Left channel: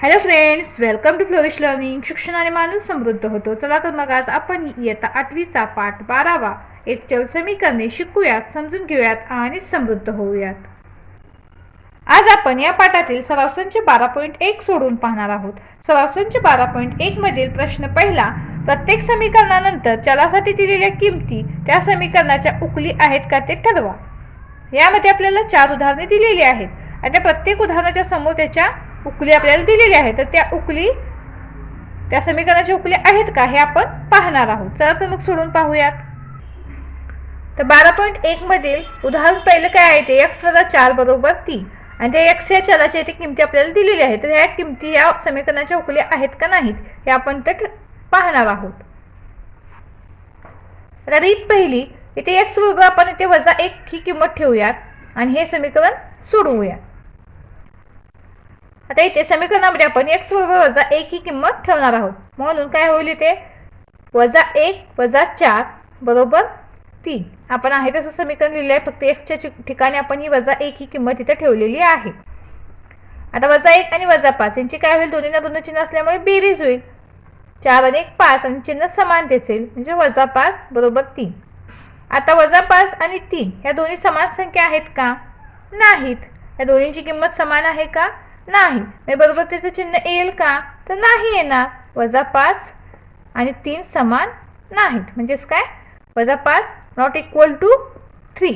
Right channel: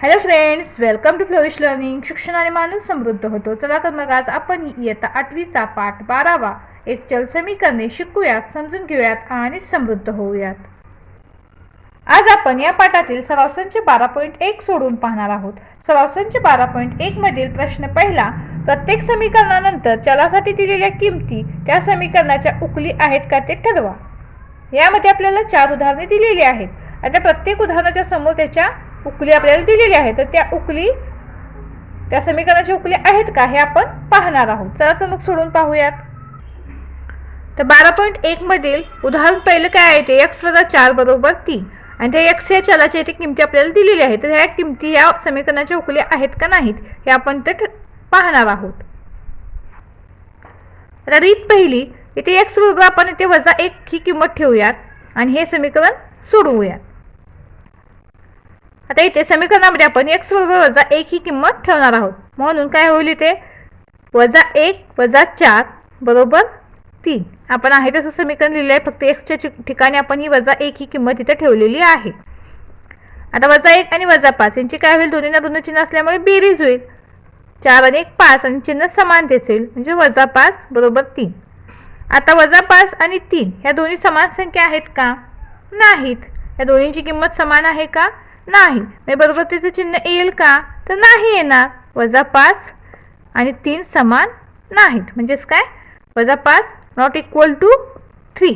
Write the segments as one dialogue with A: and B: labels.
A: Hello friends welcome to flourish learning शिक्षणाने माणूस समृद्ध होतो. चला तर मग आज आपण इयत्ता आठवीचा पाठ बारावा एक चल समीकरणे शिकूयात समजून घेऊयात आणि समृद्ध होऊयात. आज आपण या पाठातील सराव संच बारा पॉईंट एक सोडून पाहणार आहोत. सराव संच बारा पॉईंट एक मधील प्रश्न पहिला प्रत्येक समीकरणानंतर चलासाठी दिलेल्या किमती त्या समीकरणाच्या उकली आहेत का ते ठरवा. यामध्ये आपल्याला चार उदाहरणे दिलेली आहेत. आणि त्या प्रत्येक उदाहरणाच्या समोर त्याच्या उकली आपल्याला दिलेल्या आहेत तर त्या उकली त्या समीकरणाच्या उकली आहेत का? हे आपण पाहणार आहोत. चला तर मग सोडून पाहूयात. तर बारा पॉईंट एक मधील उदाहरण पहिलं काय आहे? ते एक्स वजा चार बरोबर तीन. आणि त्या एक्स या चलाच्या इथे किमती आपल्याला दिलेल्या आहेत. तर ह्या किमती या समीकरणाच्या उकल्या आहेत का नाहीत? हे आपण ते पाहणार आहोत. रीत पहिली इथे एक्स बरोबर आपण इथे वजा एक ही किंमत ठेवूयात आणि हे समीकरण सोडवूयात. आता इथे समीकरणामध्ये आपण एक्स बरोबर वजा एक ही किंमत ठेवणार आहोत. म्हणून काय होईल इथे? वजा एक वजा चार बरोबर तीन. आपण आहे तसं समीकरण लिहिलं आहे फक्त एक्सच्या ठिकाणी आपण ही वजा एक ही किंमत इथे ठेवलेली आहे. आता वजा एक आणि वजा पाच यांची काय होईल? दोन्हीना दोन चिन्ह असल्यामुळे बेरीज होईल. चार आणि एक पाच आणि चिन्ह समान दिसेल. म्हणजे वजा पाच बरोबर तीन. आता वजा पाच आणि तीन ह्या दोन्ही समान संख्या आहेत का? नाहीत. या दोन्हींची किंमत समान आहे का? नाही. म्हणजे बरोबर त्याचं चिन्ह येईल का? तर नाही येणार. वजा पाच आणि तीन समान नाहीत. म्हणजेच काय? वजा पाच not equal to three.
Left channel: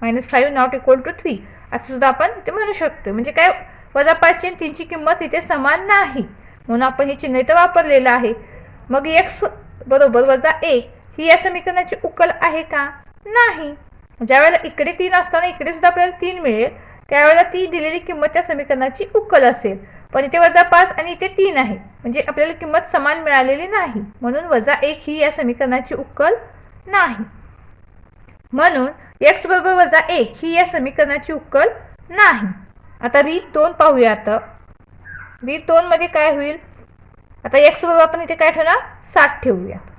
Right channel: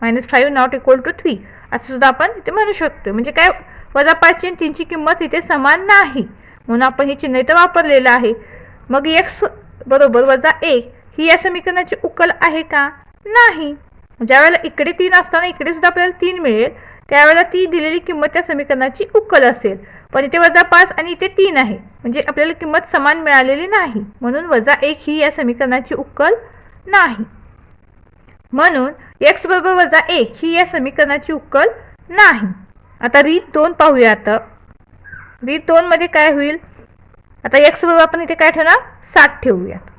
A: Minus five not equal to three. असं सुद्धा आपण ते म्हणू शकतो म्हणजे काय? वजा पाचची आणि तीनची किंमत इथे समान नाही. म्हणून आपण हे चिन्ह इथं वापरलेलं आहे. मग एक्स बरोबर वजा एक ही या समीकरणाची उकल आहे का? नाही. ज्यावेळेला इकडे तीन असताना इकडे सुद्धा आपल्याला तीन मिळेल. त्यावेळेला ती दिलेली किंमत त्या समीकरणाची उकल असेल. पण इथे वजा पाच आणि इथे तीन आहे. म्हणजे आपल्याला किंमत समान मिळालेली नाही. म्हणून वजा एक ही या समीकरणाची उकल नाही. म्हणून एक्स बरोबर वजा एक ही या समीकरणाची उकल नाही. आता रीत दोन पाहूया आता. रीत दोनमध्ये काय होईल? आता एक्स बरोबर आपण इथे काय ठेवणार? सात ठेवूयात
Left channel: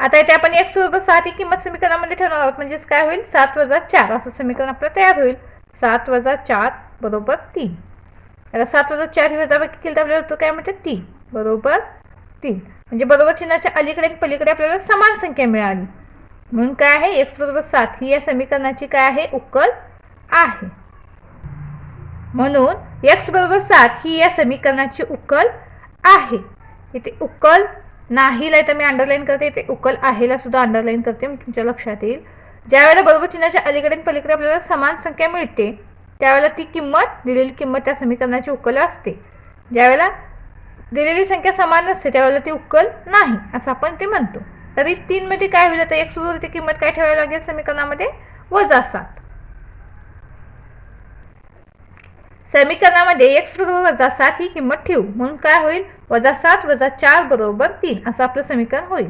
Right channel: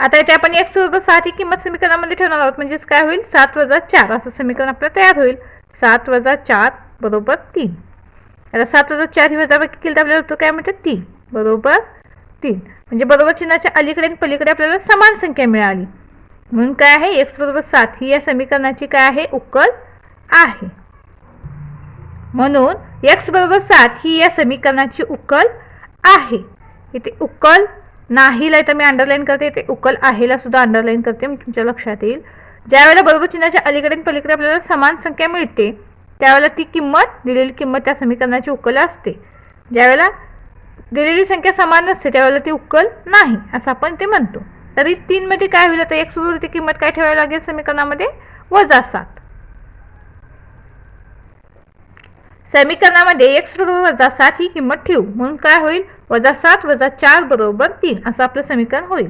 A: आता इथे आपण एक्स बरोबर सात ही किंमत समीकरणामध्ये ठेवणार आहोत. म्हणजेच काय होईल? सात वजा चार असं समीकरण आपलं तयार होईल. सात वजा चार बरोबर तीन. आता सात वजा चार ही वजाबाकी केली तर आपल्याला उत्तर काय म्हणते तीन. बरोबर तीन. म्हणजे बरोबर चिन्हाच्या अलीकडे आणि पलीकडे आपल्याला समान संख्या मिळाली. म्हणून काय आहे? एक्स बरोबर सात ही या समीकरणाची काय आहे? उकल आहे. म्हणून एक्स बरोबर सात ही या समीकरणाची उकल आहे. इथे उकल नाहीला तर मी अंडरलाईन करते ते उकल आहेला सुद्धा अंडरलाईन करते मी तुमच्या लक्षात येईल. ज्यावेळेला बरोबर चिन्हाच्या अलीकडे पलीकडे आपल्याला समान संख्या मिळते त्यावेळेला ती किंमत दिलेली किंमत त्या समीकरणाची उकल असते. ज्यावेळेला दिलेली संख्या समान नसते त्यावेळेला ती उकल नाही असं आपण ते म्हणतो. तरी तीनमध्ये काय होईल आता? एक्स बरोबर ती किंमत काय ठेवावी लागेल समीकरणामध्ये? वजा सात. समीकरणामध्ये एक्स बरोबर वजा सात ही किंमत ठेवू. म्हणून काय होईल? वजा सात वजा चार बरोबर तीन. असं आपलं समीकरण होईल.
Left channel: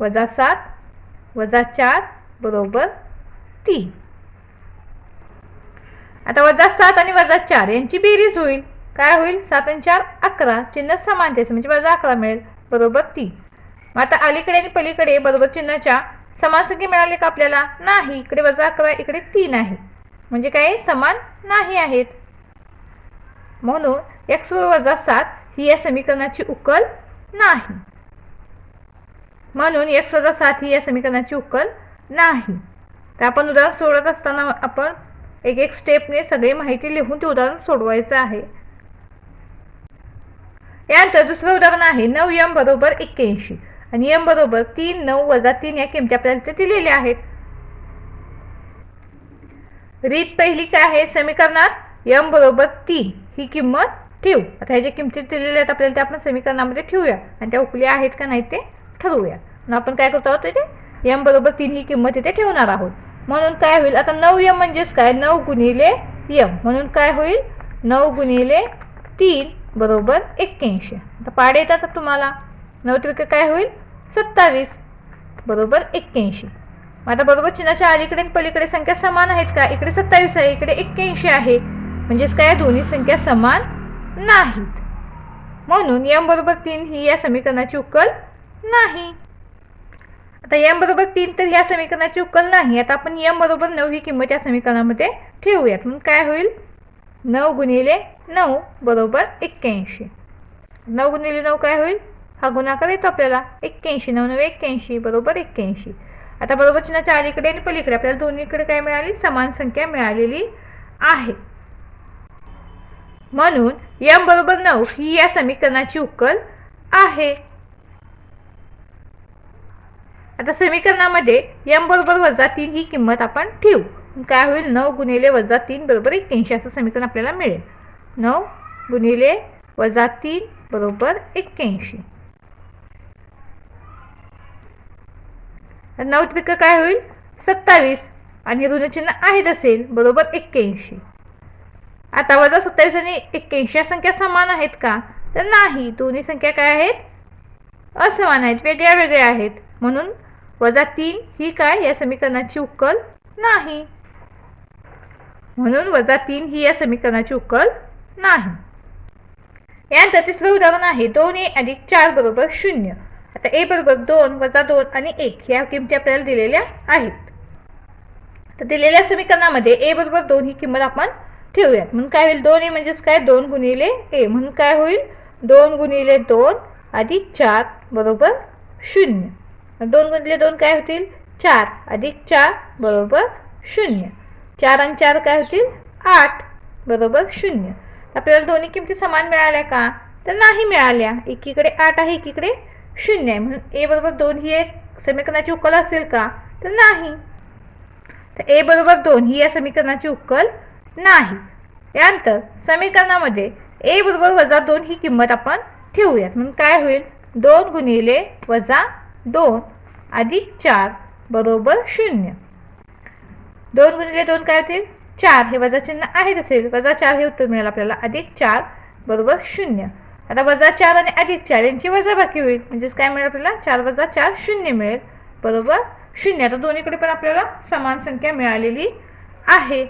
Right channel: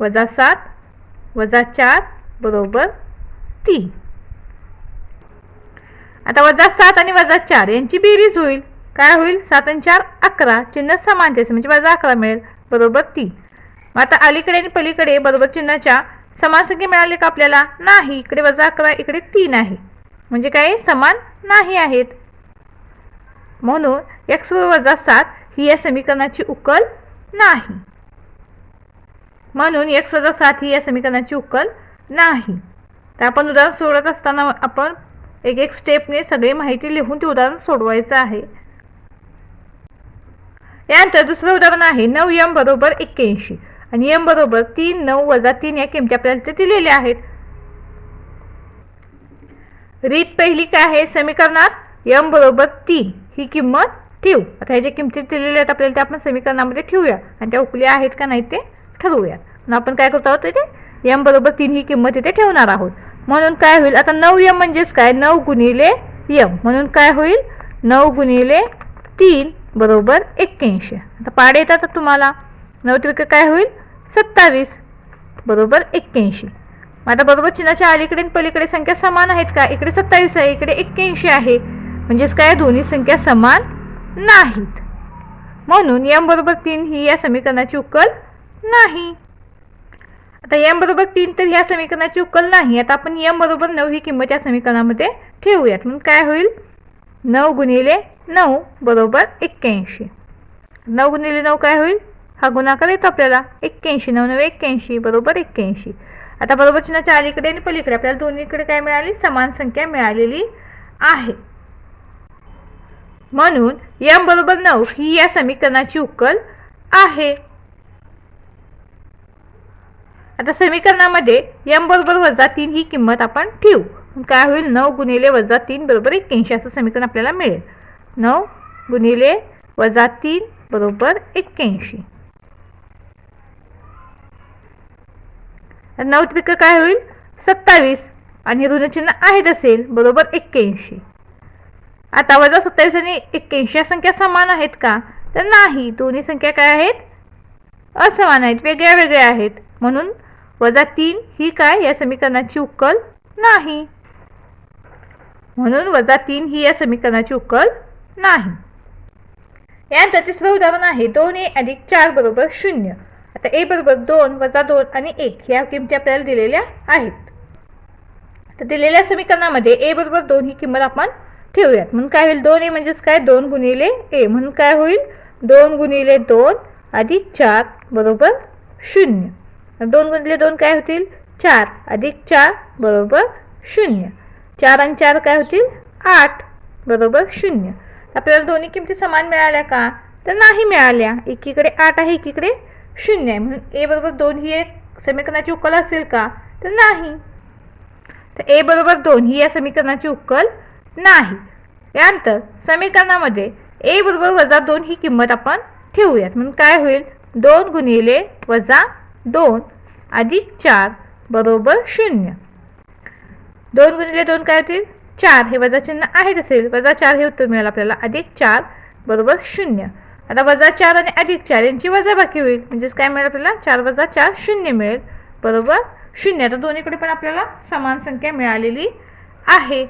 A: वजा सात वजा चार बरोबर तीन. आता वजा सात आणि वजा चार यांची बेरीज होईल. काय होईल? सात आणि चार अकरा. चिन्ह समान त्याचं म्हणजे वजा अकरा मिळेल. बरोबर तीन. मग आता अलीकडे आणि पलीकडे बरोबर चिन्हाच्या समान संख्या मिळाली का आपल्याला? नाही. इकडे वजा अकरा इकडे तीन आहे. म्हणजे काय? समान नाही आहेत. म्हणून एक्स वजा सात ही या समीकरणाची उकल नाही. म्हणून एक्स वजा सात ही या समीकरणाची उकल नाही. तर आपण उदाहरण सोडत असताना आपण एक एक स्टेपने सगळी माहिती लिहून ते उदाहरण सोडवायचं आहे. यानंतर दुसरं उदाहरण आहे नऊ यम बरोबर एक्क्याऐंशी. आणि यम बरोबर तीन नऊ वजा तीन या किमती आपल्याला इथे दिलेल्या आहेत. रीत पहिली काय आहे? समीकरणात यम बरोबर तीन ही किंमत ठेवू. आता हे जे किमती दिलेले आहेत आपल्याला त्या आपण समीकरणामध्ये ठेवूया. आणि त्या उकल्या आहेत का नाही ते ठरवूया. मग आपण काय करतो आहोत इथे? यम बरोबर तीन ही किंमत इथे ठेवणार आहोत. म्हणून काय होईल? आता नऊ यम म्हणजेच काय? नऊ गुणिले यम म्हणून काय होईल? नऊ गुणिले तीन बरोबर एक्क्याऐंशी. आता पाडे येतात तुम्हाला? नऊ त्रिक काय होईल? सत्तावीस बरोबर एक्क्याऐंशी. मग आता बरोबर चिन्हाच्या अलीकडे आणि पलीकडे संख्या समान आहेत का? इकडे सत्तावीस आहे इकडे एक्क्याऐंशी आहे. म्हणजेच काय? दोन्ही संख्या समान नाहीत. म्हणून यम बरोबर तीन ही या समीकरणाची उकल नाही. आता यम बरोबर तीन तर या समीकरणाची उकल नाही. आता आपण यम बरोबर नऊ ही किंमत या समीकरणामध्ये ठेवूयात. म्हणून काय होईल? नऊ गुणिले नऊ बरोबर एक्क्याऐंशी. नऊ गुणिले नऊ काय होईल? हा गुणाकार येतो आपल्याला. एक्क्याऐंशी नऊ नऊ एक्क्याऐंशी बरोबर एक्क्याऐंशी. आता बरोबर चिन्हाच्या अलीकडे आणि पलीकडे आपल्याला दोन्हीकडे काय मिळाली? समान संख्या मिळालेली आहे. म्हणून यम बरोबर नऊ ही या समीकरणाची उकल आहे. आता समीकरणामध्ये यम बरोबर वजा तीन ही किंमत आपण ठेवू. काय होईल? नऊ गुणिले वजा तीन बरोबर एक्क्याऐंशी असं समीकरण आपल्याला मिळेल. नऊ गुणिले वजा तीन बरोबर एक्क्याऐंशी. तर नऊ त्रिक काय होईल? सत्तावीस. आणि ऋणचिन्ह आहेत असेल बरोबर एक्क्याऐंशी. आता वजा सत्तावीस आणि एक्क्याऐंशी या संख्या समान आहेत का? तर नाही. दोन्ही संख्या काय आहेत? असमान आहेत. वेगळ्या वेगळ्या आहेत. म्हणून वजा तीन ही काय? या समीकरणाची उकल नाही. म्हणून वजा तीन ही या समीकरणाची उकल नाही. यानंतर तिसरं उदाहरण आहे. दोन ए अधिक चार बरोबर शून्य. आता ए बरोबर दोन वजा दोन आणि एक या किमती आपल्याला दिलेल्या आहेत. तर दिलेल्या समीकरणामध्ये ए बरोबर दोन ही किंमत आपण ठेवूयात. म्हणून काय होईल? दोन ए म्हणजेच काय? दोन गुणिले ए. म्हणून काय होईल? दोन गुणिले दोन अधिक चार बरोबर शून्य. दोन गुणिले दोन काय होतील? चार. अधिक चार बरोबर शून्य. चार आणि चार काय होतील? आठ बरोबर शून्य. आपल्याला दोन्ही किमती समान मिळाल्या का? तर नाही मिळाल्या. एकीकडे आठ आहे एकीकडे शून्य आहे. म्हणून ए बरोबर दोन ही एक समीकरणाची उकल असेल का? तर नाही. तर ए बरोबर दोन ही या समीकरणाची उकल नाही. यानंतर समीकरणामध्ये ए बरोबर वजा दोन ही किंमत आपण ठेवूयात. म्हणून काय होईल? दोन गुणिले वजा दोन अधिक चार बरोबर शून्य. दोन गुणिले दोन काय होतील? चार. हे वजा चिन्ह आहेत असेल. वजा चार हे उत्तर मिळेल आपल्याला. अधिक चार बरोबर शून्य. आता वजा चार आणि अधिक चार यांची वजाबाकी होईल. म्हणजेच काय मिळेल आपल्याला? चार वजा चार शून्य मिळेल. बरोबर शून्य. आता दोन्हीकडे पण आपल्याला समान संख्या मिळालेली आहे.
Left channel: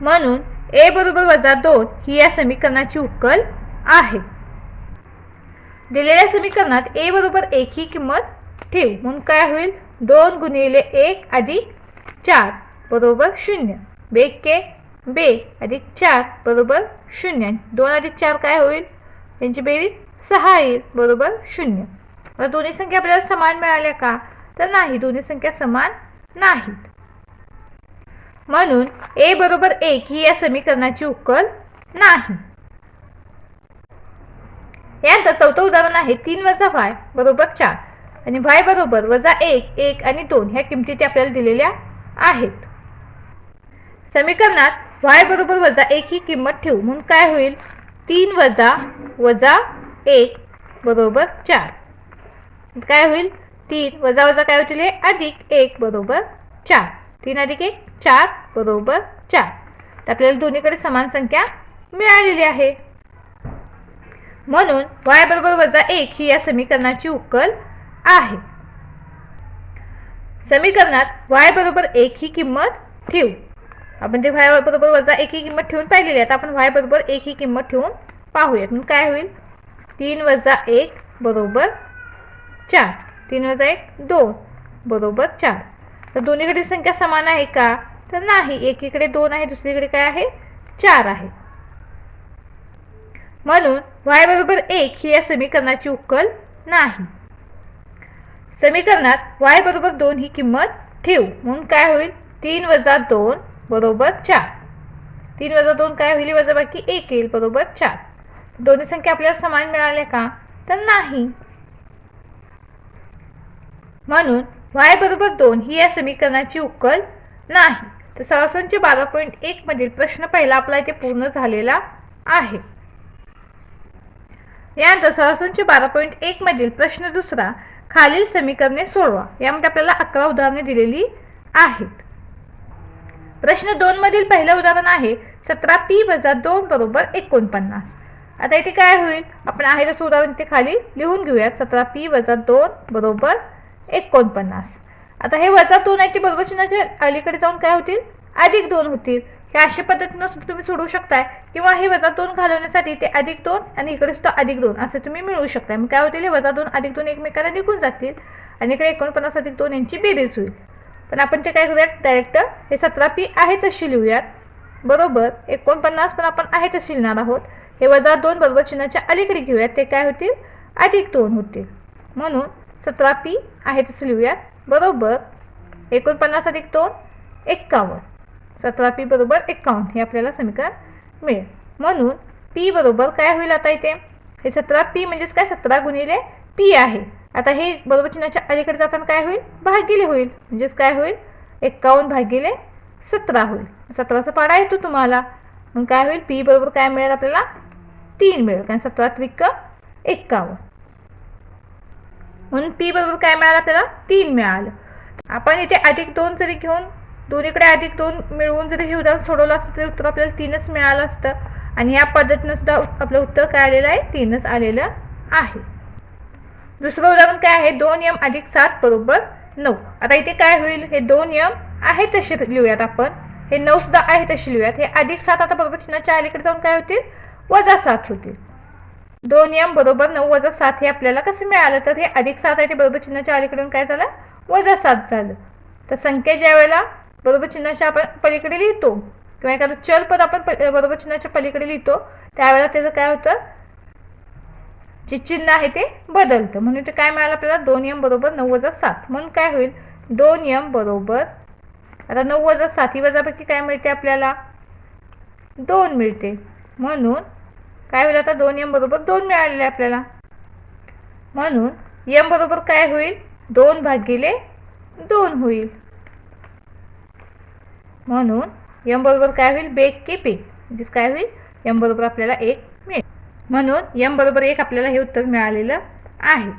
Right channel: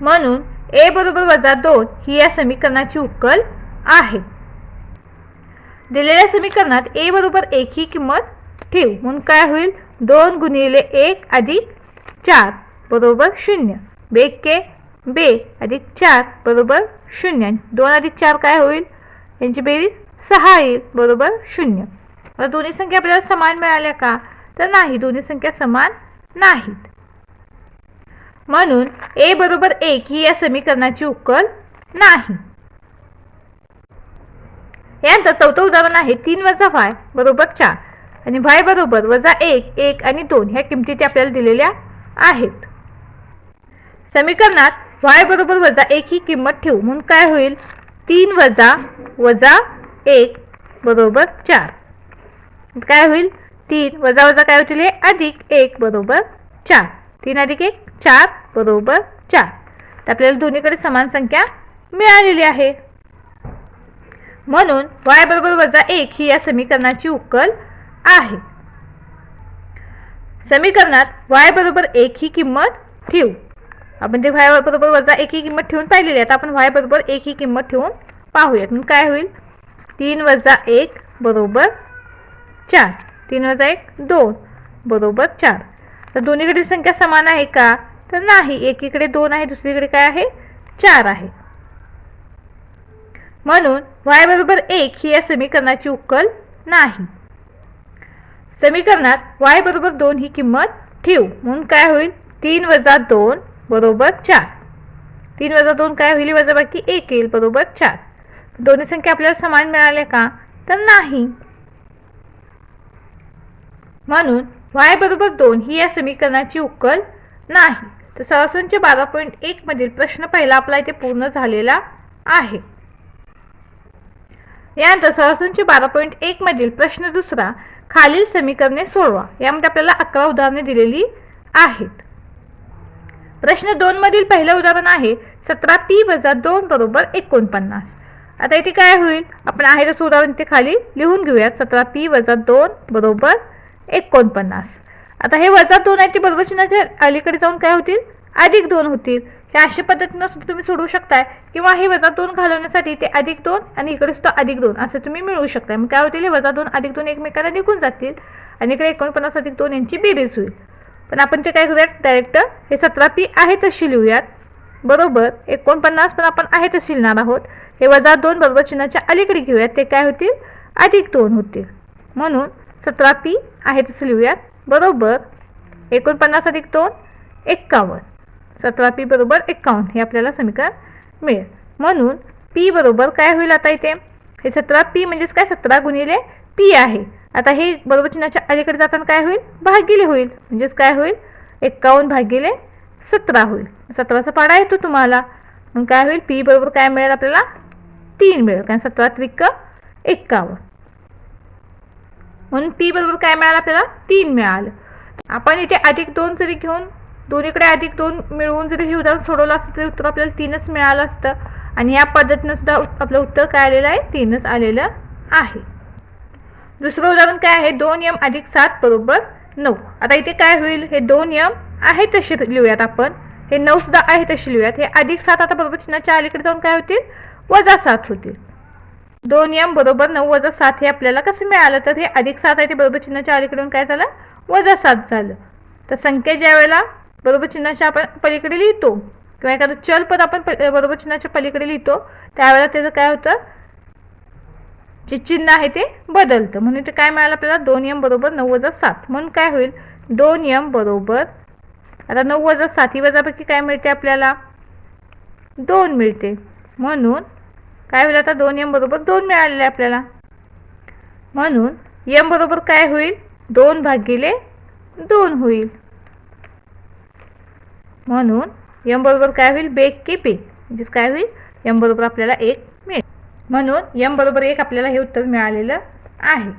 A: म्हणून ए बरोबर वजा दोन ही या समीकरणाची उकल आहे. दिलेल्या समीकरणात ए बरोबर एक ही किंमत ठेव. म्हणून काय होईल? दोन गुणिले एक अधिक चार बरोबर शून्य. बेके बे अधिक चार बरोबर शून्य. दोन अधिक चार काय होईल? यांची बेरीज सहा येईल बरोबर शून्य. दोन्ही संख्या आपल्याला समान मिळाल्या का? तर नाही. दोन्ही संख्या समान नाहीत. म्हणून ए बरोबर एक ही या समीकरणाची उकल नाही. यानंतर चौथं उदाहरण आहे तीन वजा वाय बरोबर चार. आणि वाय बरोबर वजा एक एक आणि दोन ह्या किमती त्या आपल्याला दिलेल्या आहेत. समीकरणात वाय बरोबर वजा एक ही किंमत ठेवू म्हणून काय होईल? तीन वजा वजा एक बरोबर चार. काय होईल? तीन वजा वजा काय होतील? हे अधिक एक बरोबर चार. तीन अधिक एक चार बरोबर चार. तर आपल्याला दोन्हीकडे समान संख्या मिळालेली आहे. म्हणून वाय बरोबर वजा एक ही या समीकरणाची उकल आहे. समीकरणात वाय बरोबर एक ही किंमत ठेवू. आपण ते वाय बरोबर वजा एक ही किंमत ठेवून पाहिलेली आहे आता आपण वाय बरोबर एक ही किंमत ठेवून पाहूयात. मग काय होईल? तीन वजा एक बरोबर चार. तीन वजा एक दोन. बरोबर चार. तर दोन्हीकडील संख्या समान आहे का? तर नाही. एकीकडे दोन आहे दुसरीकडे काय आहे? चार आहे. म्हणून वाय बरोबर एक ही या समीकरणाची उकल नाही. समीकरणात वाय बरोबर दोन ही किंमत ठेवू. म्हणून काय होईल? तीन वजा दोन बरोबर चार. तीन वजा दोन काय होईल? वजा बाकी एक येईल बरोबर चार. दोन्ही संख्या आपल्याला समान मिळाल्या का? तर नाही. म्हणून वाय बरोबर दोन ही या समीकरणाची उकल नाही. तर सरासरीचे बारा पॉईंट एक मधील प्रश्न पहिला आपला इथे पूर्ण झालेला आहे. यानंतर सरासरीचे बारा पॉईंट एक मधील प्रश्न दुसरा खालील समीकरणे सोडवा. यामध्ये आपल्याला अकरा उदाहरणे दिलेली आहेत. प्रश्न दोन मधील पहिलं उदाहरण आहे सतरा पी वजा दोन बरोबर एकोणपन्नास. आता इथे काय होईल? आपण आहे तसं उदाहरण ते खाली लिहून घेऊयात. सतरा पी वजा दोन बरोबर एकोणपन्नास. आता हे वजा दोन आहे ते बरोबर चिन्हाच्या अलीकडे जाऊन काय होतील? अधिक दोन होतील. हे अशा पद्धतीनं सुद्धा तुम्ही सोडवू शकताय. किंवा हे वजा दोन घालवण्यासाठी ते अधिक दोन आणि इकडे सुद्धा अधिक दोन असं तुम्ही मिळवू शकताय. मग काय होतील? हे वजा दोन अधिक दोन एकमेकांना निघून जातील आणि इकडे एकोणपन्नास अधिक दोन यांची बेरीज होईल. पण आपण ते काय करूयात? डायरेक्ट हे सतरा पी आहे तशी लिहूयात. बरोबर? एकोणपन्नास पण आपण आहे तशी लिहिणार आहोत. हे वजा दोन बरोबर चिन्हाच्या अलीकडे घेऊयात. ते काय होतील? अधिक दोन होतील. म्हणून सतरा पी आहे तसं लिहूयात. बरोबर एकोणपन्नास अधिक दोन एक्कावन्न. सतरा पी बरोबर एक्कावन्न हे आपल्याला समीकरण मिळेल. म्हणून पी बरोबर काय होईल आता इथे? हे सतरा पी म्हणजेच काय? सतरा गुणिले पी आहे. आता हे बरोबर चिन्हाच्या अलीकडे जाताना काय होईल? भागिले होईल. म्हणजेच काय होईल? एक्कावन्न भागिले सतरा होईल. सतराचा पाडा येतो तुम्हाला. मग काय होईल? पी बरोबर काय मिळेल आपल्याला? तीन मिळेल. कारण सतरा त्रिक एक्कावन्न. म्हणून पी बरोबर काय मिळालं आपल्याला? तीन मिळालं. आपण इथे अधिक दोन जरी घेऊन दोन्हीकडे अधिक दोन मिळवून जरी हे उदाहरण सोडवलं असतं तरी उत्तर आपल्याला तीनच मिळालं असतं. आणि या पद्धतीनं सुद्धा आपलं उत्तर काय आलेलं आहे? तीनच आलेलं आहे. दुसरं उदाहरण काय आहे? दोन यम अधिक सात बरोबर नऊ. आता इथे काय होईल? हे दोन यम आहे तसे लिहूयात आपण. हे नऊ सुद्धा आहे तसे लिहूयात. हे अधिक सात आता बरोबर चिन्हाच्या अलीकडे जाऊन काय होतील? वजा सात होतील. दोन एम बरोबर नऊ वजा सात हे आपल्याला कसं मिळालं? तर हे अधिक सात आहे ते बरोबर चिन्हाच्या अलीकडून काय झालं? वजा सात झालं. तर संख्या ज्या वेळेला बरोबर चिन्हाच्या आपण पलीकडे लिहितो किंवा एखादं चल पद आपण प- बरोबर चिन्हाच्या पलीकडे लिहितो त्यावेळेला त्याचं काय होतं? जे चिन्ह आहे ते बदलतं. म्हणून ते काय मिळालं आपल्याला? दोन एम बरोबर नऊ वजा सात. म्हणून काय होईल? दोन एम बरोबर आता नऊ वजा सात ही वजापैकी काय मिळते आपल्याला? दोन मिळते. म्हणून काय होईल आता? दोन यम बरोबर दोन मिळालेले आपल्याला. म्हणून यम बरोबर काय होईल? दोन भागिले दोन होईल. म्हणून यम बरोबर काय होईल? बेक की पे म्हणजेच काय होईल? यम बरोबर आपल्याला एक मिळेल. म्हणून यम बरोबर एक आपल्याला हे उत्तर मिळालेलं आहे.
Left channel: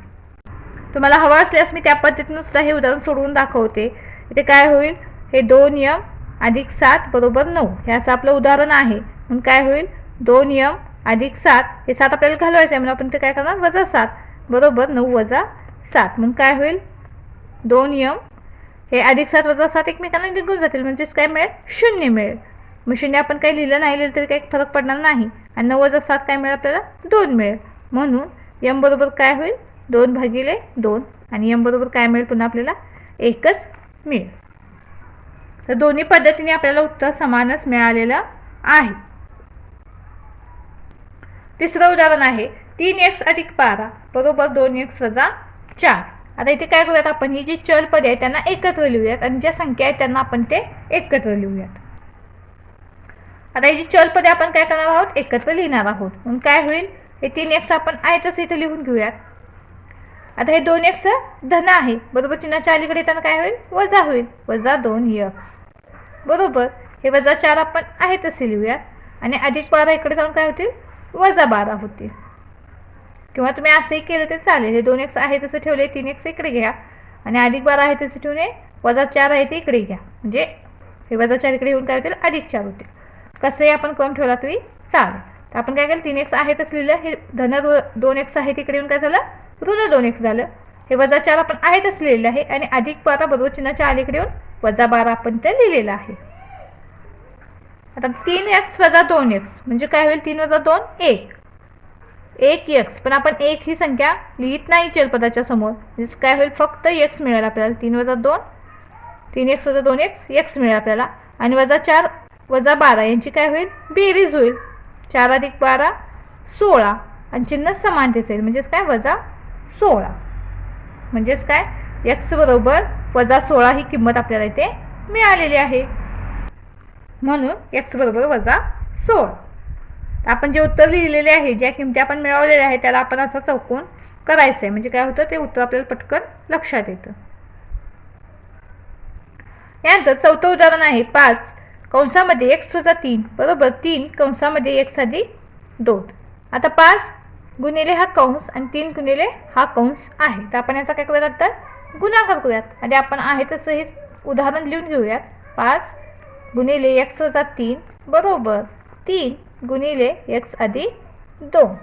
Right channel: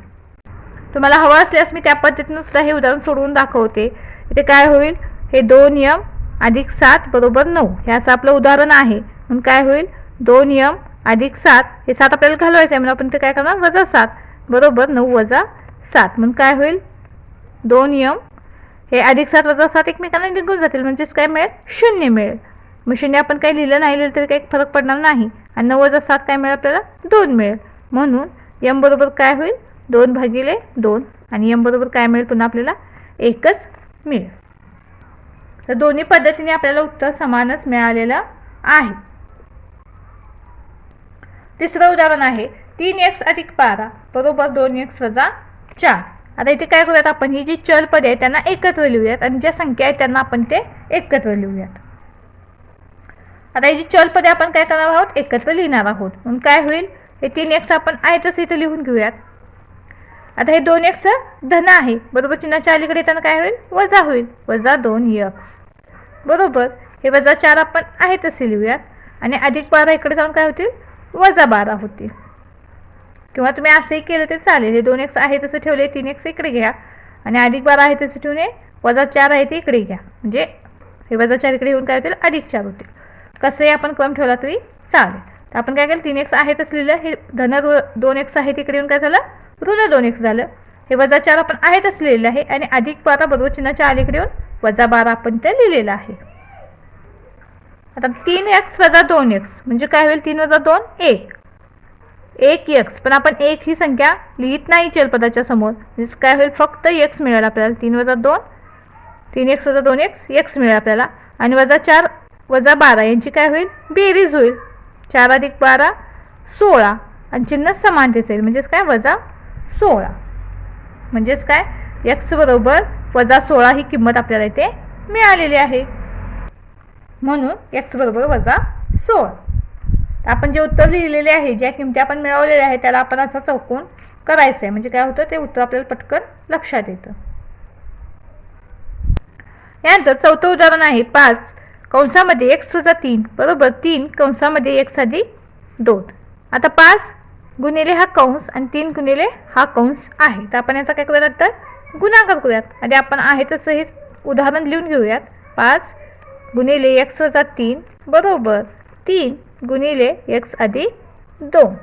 A: तुम्हाला हवं असल्यास मी त्या पद्धतीनं सुद्धा हे उदाहरण सोडवून दाखवते. इथे काय होईल? हे दोन यम अधिक सात बरोबर नऊ. हे असं आपलं उदाहरण आहे. म्हणून काय होईल? दोन यम अधिक सात हे सात आपल्याला घालवायचं आहे. म्हणून आपण ते काय करणार? वजा सात. बरोबर नऊ वजा सात. म्हणून काय होईल? दोन यम. हे अधिक सात वजा सात एकमेकांना निघून जातील. म्हणजेच काय मिळेल? शून्य मिळेल. मग शून्य आपण काही लिहिलं नाही लिहिलं तरी काही फरक पडणार नाही. आणि नऊ वजा सात काय मिळेल आपल्याला? दोन मिळेल. म्हणून यम बरोबर काय होईल? दोन भागिले दोन. आणि यम बरोबर काय मिळेल? पुन्हा आपल्याला एकच मिळेल. तर दोन्ही पद्धतीने आपल्याला उत्तर समानच मिळालेलं आहे. तिसरं उदाहरण आहे तीन एक्स अधिक बारा बरोबर दोन एक्स वजा चार. आता इथे काय करूयात आपण ही जी चल पदे आहेत त्यांना एकत्र लिहूयात आणि ज्या संख्या आहेत त्यांना आपण ते एकत्र लिहूयात. आता ही जी चल पदे आपण काय करणार आहोत एकत्र लिहिणार आहोत. म्हणून काय होईल हे तीन एक्स आपण आहे तसं इथे लिहून घेऊयात. आता हे दोन एक्स धन आहे बरोबर चिन्हाच्या अलीकडे येताना काय होईल वजा होईल. वजा दोन एक्स बरोबर हे वजा चार आपण आहे तसे लिहूयात. आणि अधिक बारा इकडे जाऊन काय होतील वजा बारा होतील किंवा तुम्ही असंही केलं तर चालेल. हे दोन एक्स आहे तसं ठेवले तीन एक्स इकडे घ्या. आणि अधिक बारा आहे तसं ठेवणे वजा चार आहे ते इकडे घ्या. म्हणजे हे वजा चार इकडे येऊन काय होतील? अधिक चार होतील. कसंही आपण क्रम ठेवला तरी चालेल. तर आपण काय केलं? तीन एक्स आहे तसं लिहिलं. हे धन दो दोन एक्स आहे तिकडे येऊन काय झालं? ऋण दोन एक्स झालं. हे वजा चार आपण आहे तसं लिहिलेलं आहे. आणि अधिक बारा बरोबर चिन्हाच्या अलीकडे येऊन वजा बारा आपण ते लिहिलेलं आहे. आता तीन एक्स वजा दोन एक्स म्हणजे काय होईल? तीन वजा दोन एक. एक एक्स पण आपण एक ही संख्या लिहित नाही चलपदाच्या समोर. म्हणजे काय होईल? फक्त एक्स मिळेल आपल्याला. तीन वजा दोन तीन एक्स वजा दोन एक्स एक्स मिळेल आपल्याला. आणि वजा चार वजा बारा यांची काय होईल? बेरीज होईल. चार अधिक बारा सोळा. आणि चिन्ह समानतेच येईल. म्हणजेच काय? वजा सोळा. म्हणजेच काय? एक्स बरोबर वजा सोळा ही किंमत आपल्याला इथे मिळालेली आहे. म्हणून एक्स बरोबर वजा सोळा. आपण जे उत्तर लिहिलेले आहे ज्या किमती आपण मिळवलेल्या आहे त्याला आपण असा चौकोन करायचं आहे म्हणजे काय होतं? ते उत्तर आपल्याला पटकन लक्षात येतं. यानंतर चौथं उदाहरण आहे पाच कंसामध्ये एक्स वजा तीन. बरोबर? तीन कंसामध्ये एक्स आधी दोन. आता पाच गुणिले हा कंस आणि तीन गुणिले हा कंस आहे. तर आपण याचा काय करूयात तर गुणाकार करूयात. आणि आपण आहे तसं हे उदाहरण लिहून घेऊयात. पाच गुणिले एक्स वजा तीन बरोबर. तीन गुणिले एक्स अधिक दोन.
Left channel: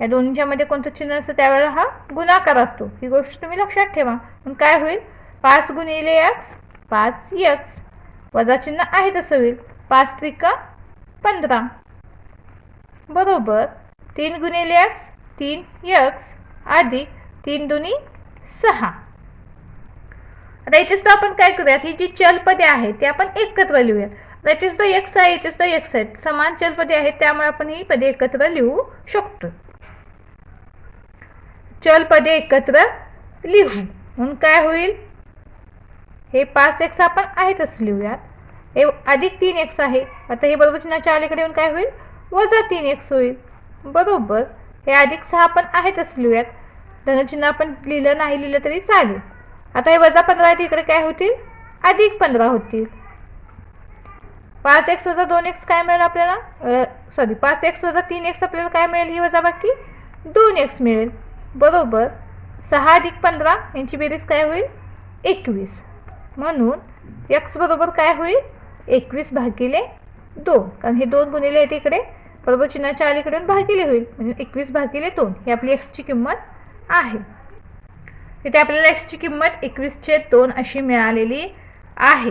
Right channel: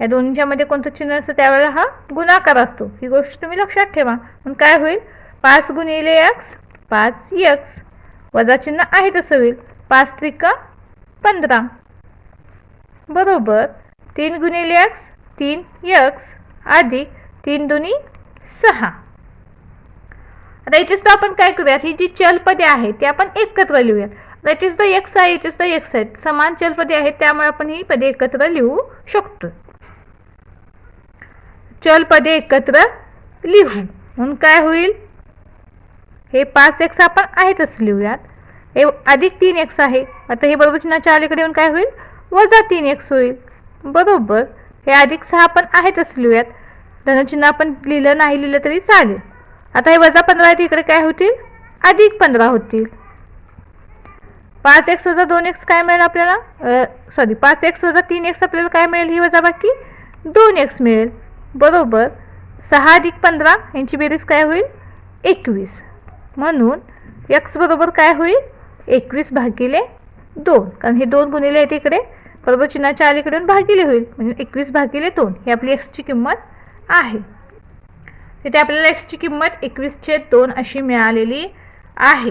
A: या दोन्हीच्या मध्ये कोणतं चिन्ह असतं त्यावेळेला हा गुणाकार असतो. ही गोष्ट तुम्ही लक्षात ठेवा. मग काय होईल? पाच गुणिले एक्स पाच एक्स वजा चिन्ह आहे तसं होईल. पाच त्रिक पंधरा. बरोबर. तीन गुणिले एक्स तीन एक्स आधी तीन दुनी सहा. आता इथे सुद्धा आपण काय करूयात? ही जी चलपदे आहेत ते आपण एकत्र लिहूयात. दॅट इज द एक्स आहे इट इज द एक्स आहेत समान चलपदे आहेत त्यामुळे आपण ही पदे एकत्र लिहू शकतो. चल पदे एकत्र लिहू. म्हणून काय होईल? हे पाच एक्स आपण आहेतच लिहूयात. हे अधिक तीन एक्स आहे. आता हे बरोबर चिन्हाच्या अलीकडे येऊन काय होईल? वजा तीन एक्स होईल. बरोबर. हे अधिक सहा आपण आहेतच लिहूयात. धनचिन्ह आपण लिहिलं नाही लिहिलं तरी चालेल. आता हे वजा पंधरा आहे इकडे काय होतील? अधिक पंधरा होतील. पाच एक्स वजा दोन एक्स काय मिळेल आपल्याला? सॉरी पाच एक्स वजा तीन एक्स आपल्याला काय मिळेल? ही वजा बाकी दोन एक्स मिळेल. बरोबर. सहा अधिक पंधरा यांची बेरीज काय होईल? एकवीस. म्हणून एक्स बरोबर काय होईल? एकवीस भागिले दोन. कारण हे दोन गुणिले आहेत इकडे. बरोबर चिन्हाच्या अलीकडून भागिले होईल. म्हणजे एकवीस भागिले दोन. ही आपली एक्सची किंमत आहे. इथे आपल्याला एक्सची किंमत एकवीस छेद दोन अशी मिळालेली आहे.